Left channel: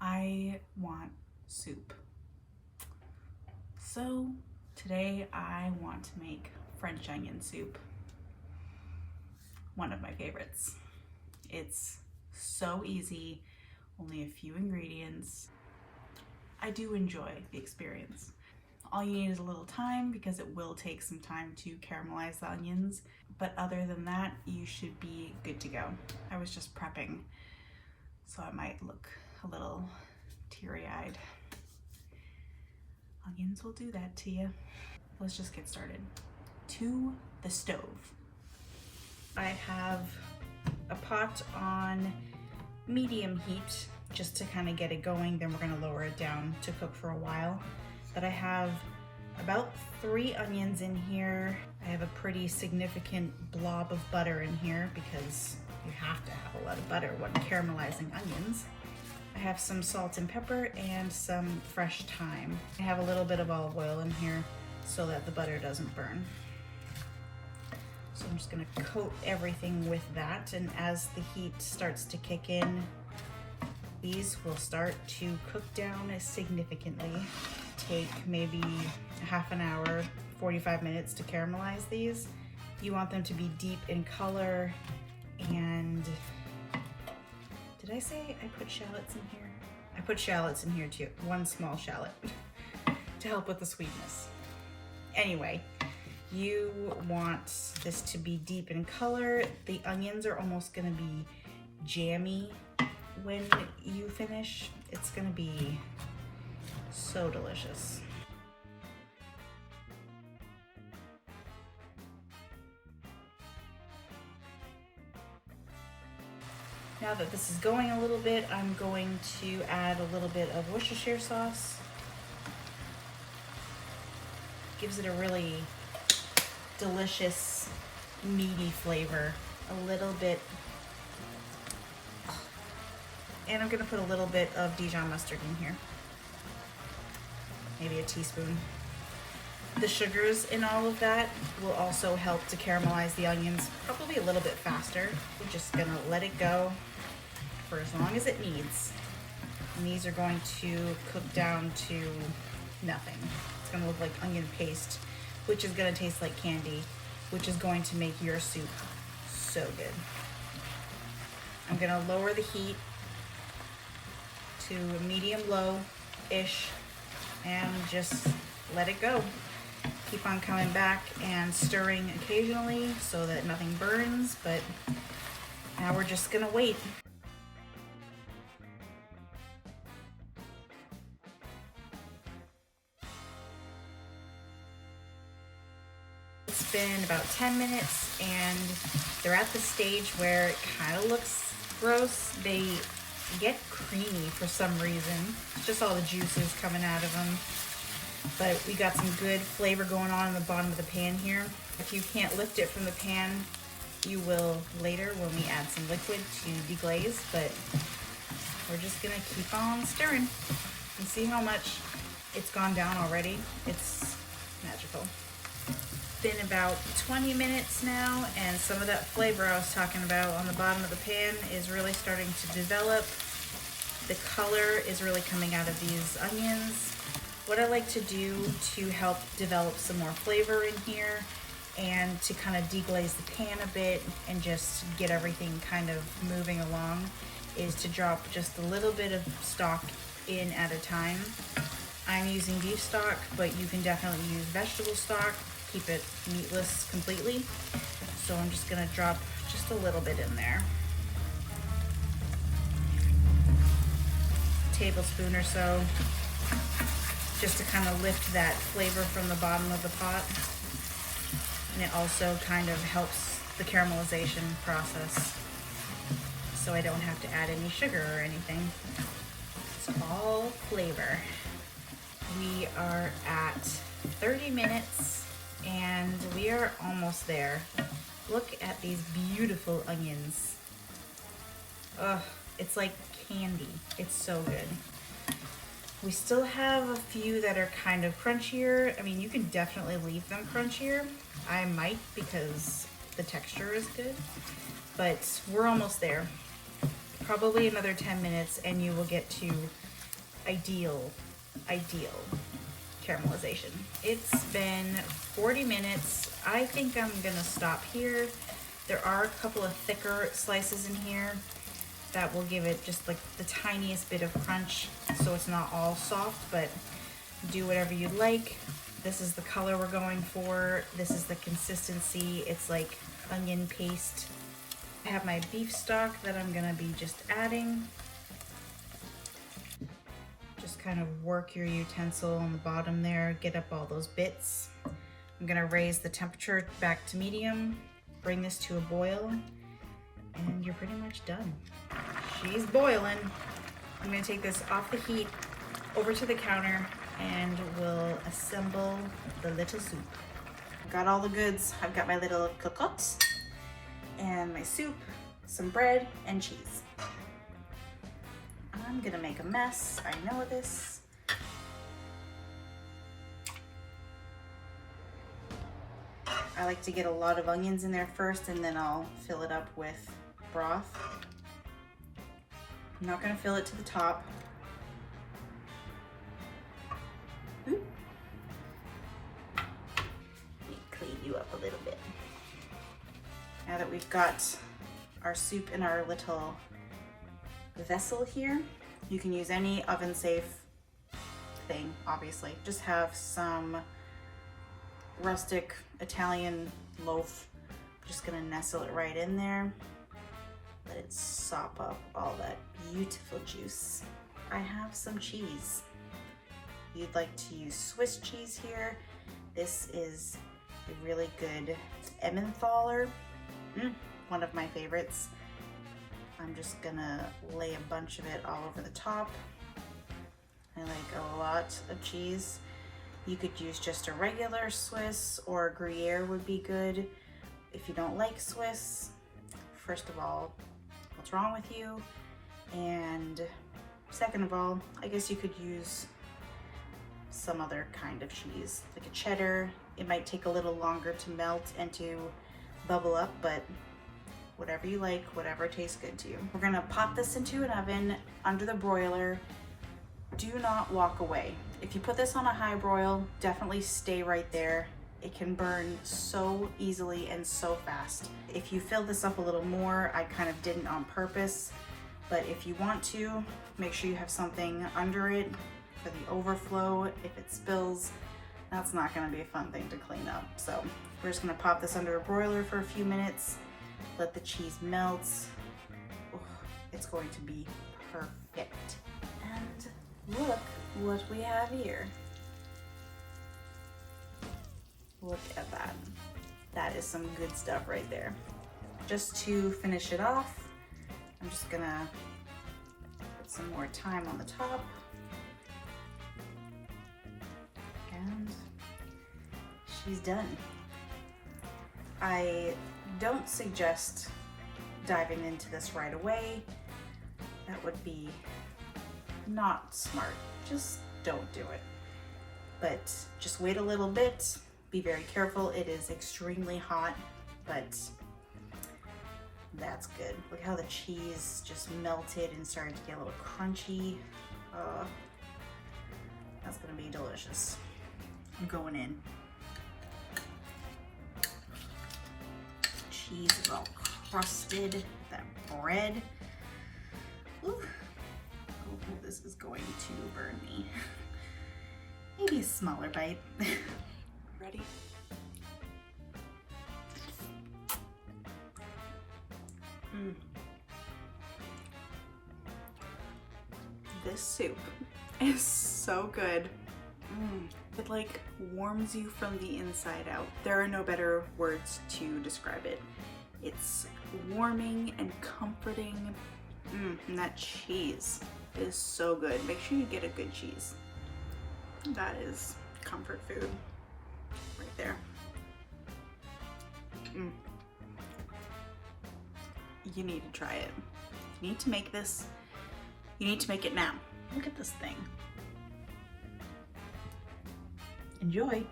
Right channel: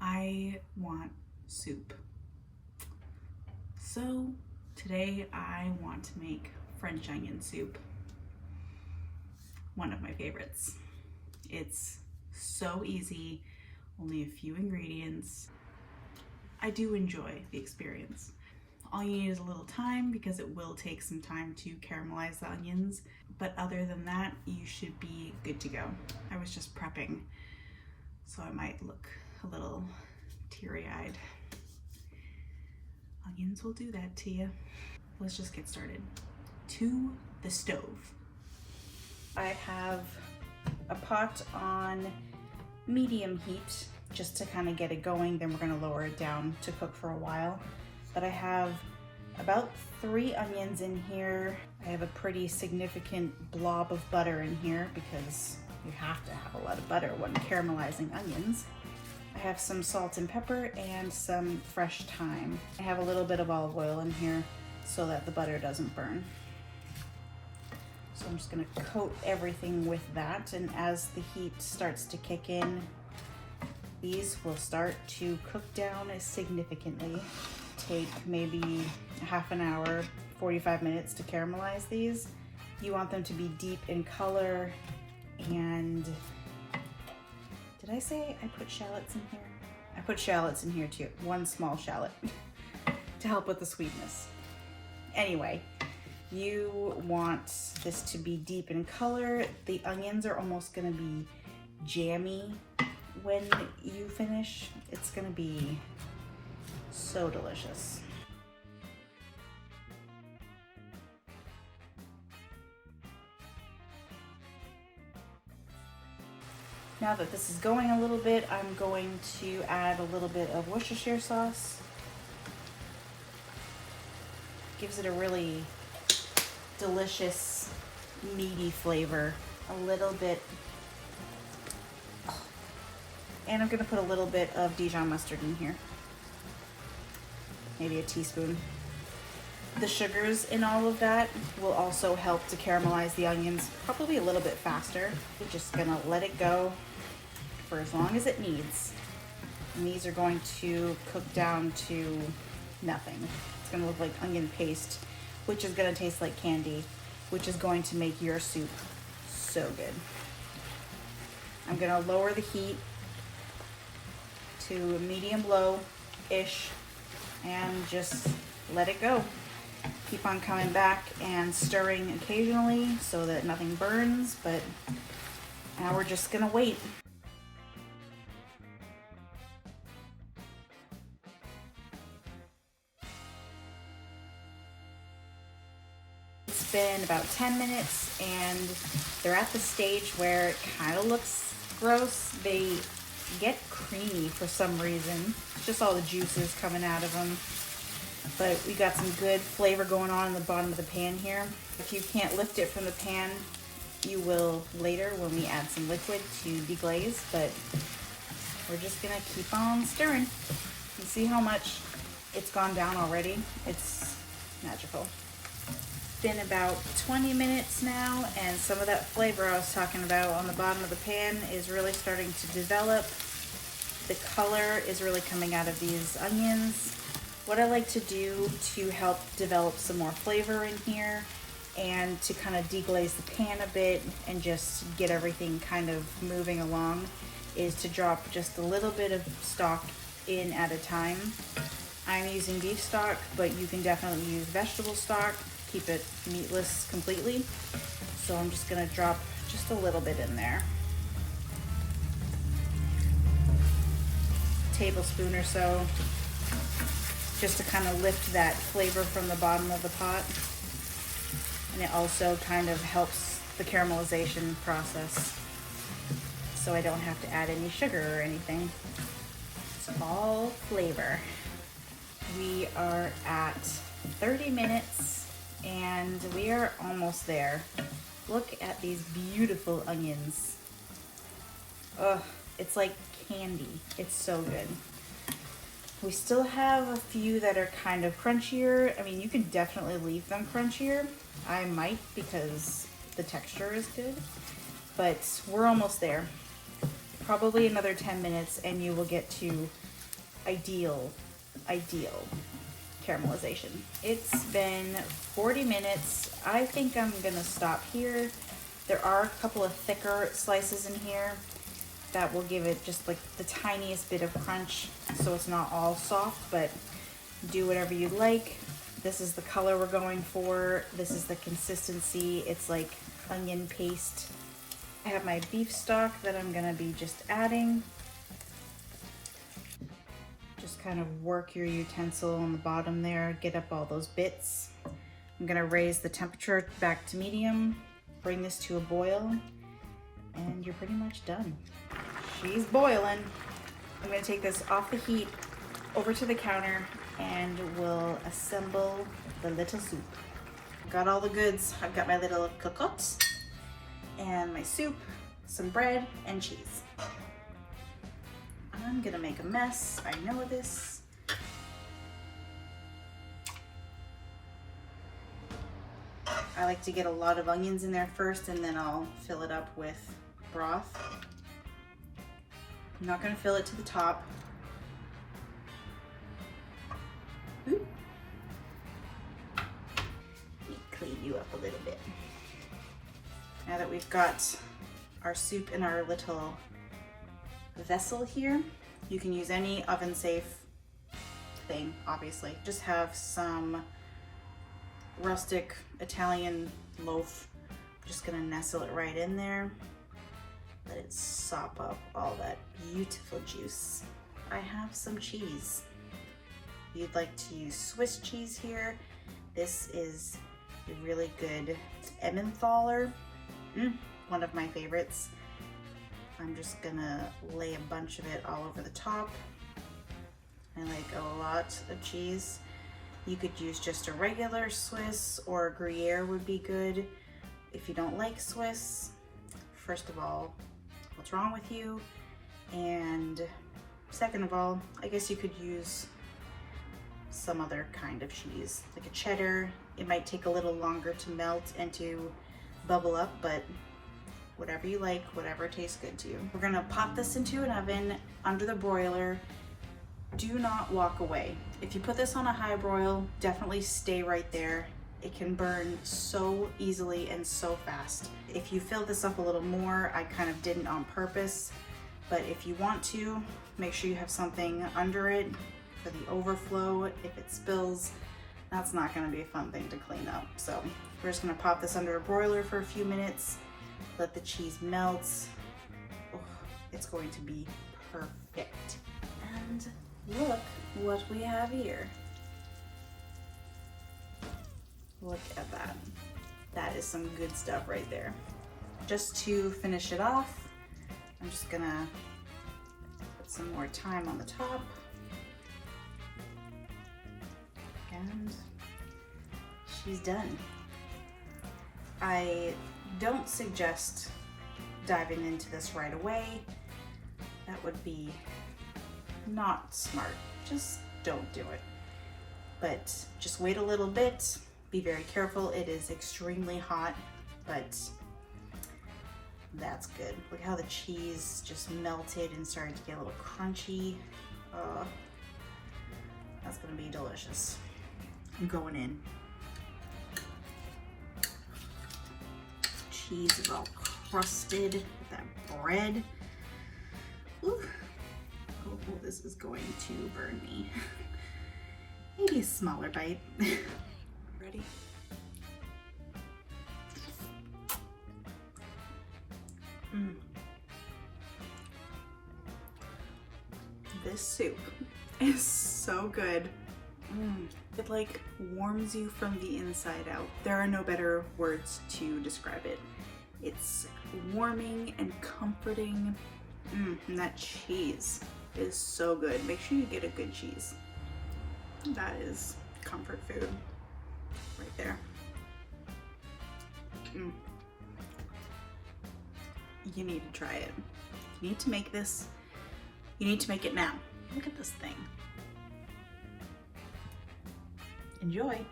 I want soup. So today I want to make French onion soup. One of my favorites. It's so easy, only a few ingredients. I do enjoy the experience. All you need is a little time because it will take some time to caramelize the onions, but other than that, you should be good to go. I was just prepping, so I might look a little teary-eyed. Onions will do that to you. Let's just get started. To the stove. I have a pot on medium heat just to kind of get it going, then we're going to lower it down to cook for a while. But I have about 3 onions in here. I have a pretty significant blob of butter in here because you have to have a lot of butter when caramelizing onions. I have some salt and pepper and some fresh thyme. I have a little bit of olive oil in here so that the butter doesn't burn. So I'm just gonna coat everything with that, and as the heat starts to kick in, these will start to cook down significantly. Take maybe half an hour, 45 minutes to caramelize these. You want them to be deep in color, and did I say I put shallots in here? I put shallots in here too, 1 small shallot to help with the sweetness. Anyway, you want this to be deep in color. The onions are almost gonna be jammy when you finish. It's gonna be so delicious. Now that this is going a little bit, I'm going to add a little bit of Worcestershire sauce. Gives it a really delicious, meaty flavor. A little bit, and I'm gonna put a little bit of Dijon mustard in here. Maybe a teaspoon. The sugars in all of that will also help to caramelize the onions probably a little bit faster. We're just gonna let it go for as long as it needs. And these are going to cook down to nothing. It's gonna look like onion paste, which is gonna taste like candy, which is going to make your soup so good. I'm gonna lower the heat to medium-low-ish and just let it go. Keep on coming back and stirring occasionally so that nothing burns, but now we're just gonna wait. It's been about 10 minutes and they're at the stage where it kind of looks gross. They get creamy for some reason. Just all the juices coming out of them. But we got some good flavor going on in the bottom of the pan here. If you can't lift it from the pan, you will later when we add some liquid to deglaze, but we're just gonna keep on stirring and see how much it's gone down already. It's magical. Been about 20 minutes now, and some of that flavor I was talking about on the bottom of the pan is really starting to develop. The color is really coming out of these onions. What I like to do to help develop some more flavor in here and to kind of deglaze the pan a bit and just get everything kind of moving along is to drop just a little bit of stock in at a time. I'm using beef stock, but you can definitely use vegetable stock. Keep it meatless completely. So I'm just gonna drop just a little bit in there. A tablespoon or so, just to kind of lift that flavor from the bottom of the pot. And it also kind of helps the caramelization process, so I don't have to add any sugar or anything. It's all flavor. We are at 30 minutes and we are almost there. Look at these beautiful onions. Ugh, it's like candy. It's so good. We still have a few that are kind of crunchier. I mean, you can definitely leave them crunchier. I might because the texture is good, but we're almost there. Probably another 10 minutes and you will get to ideal caramelization. It's been 40 minutes. I think I'm gonna stop here. There are a couple of thicker slices in here that will give it just like the tiniest bit of crunch, so it's not all soft, but do whatever you'd like. This is the color we're going for. This is the consistency. It's like onion paste. I have my beef stock that I'm gonna be just adding. Just kind of work your utensil on the bottom there, get up all those bits. I'm gonna raise the temperature back to medium, bring this to a boil, and you're pretty much done. She's boiling. I'm gonna take this off the heat over to the counter and we'll assemble the little soup. Got all the goods. I've got my little cocotte and my soup, some bread and cheese. I'm gonna make a mess. I know this. I like to get a lot of onions in there first and then I'll fill it up with broth. I'm not gonna fill it to the top. Ooh. Let me clean you up a little bit. Now that we've got our soup in our little vessel here, you can use any oven safe thing, obviously. Just have some rustic Italian loaf. I'm just gonna nestle it right in there. Let it sop up all that beautiful juice. I have some cheese. You'd like to use Swiss cheese here. This is a really good Emmentaler, one of my favorites. I'm just gonna lay a bunch of it all over the top. I like a lot of cheese. You could use just a regular Swiss, or Gruyere would be good. If you don't like Swiss, first of all, what's wrong with you? And second of all, I guess you could use some other kind of cheese, like a cheddar. It might take a little longer to melt and to bubble up, but whatever you like, whatever tastes good to you. We're gonna pop this into an oven under the broiler. Do not walk away. If you put this on a high broil, definitely stay right there. It can burn so easily and so fast. If you fill this up a little more, I kind of didn't on purpose, but if you want to, make sure you have something under it for the overflow. If it spills, that's not gonna be a fun thing to clean up. So we're just gonna pop this under a broiler for a few minutes, let the cheese melt. Oh, it's going to be perfect. And look what we have here. Look at that. That is some good stuff right there. Just to finish it off, I'm just gonna put some more thyme on the top. And she's done. I don't suggest diving into this right away. That would be not smart. Just don't do it. But just wait a little bit. Be very careful. It is extremely hot, but that's good. Look how the cheese just melted and started to get a little crunchy. That's gonna be delicious. I'm going in. Cheese is all crusted with that bread. Ooh. Oh, this is going to burn me. Maybe a smaller bite. Ready? This soup is so good. It like warms you from the inside out. There are no better words to describe it. It's warming and comforting. And that cheese is so good. Make sure you get a good cheese. That is comfort food right there. You need to try it. You need to make this. You need to make it now. Look at this thing. Enjoy.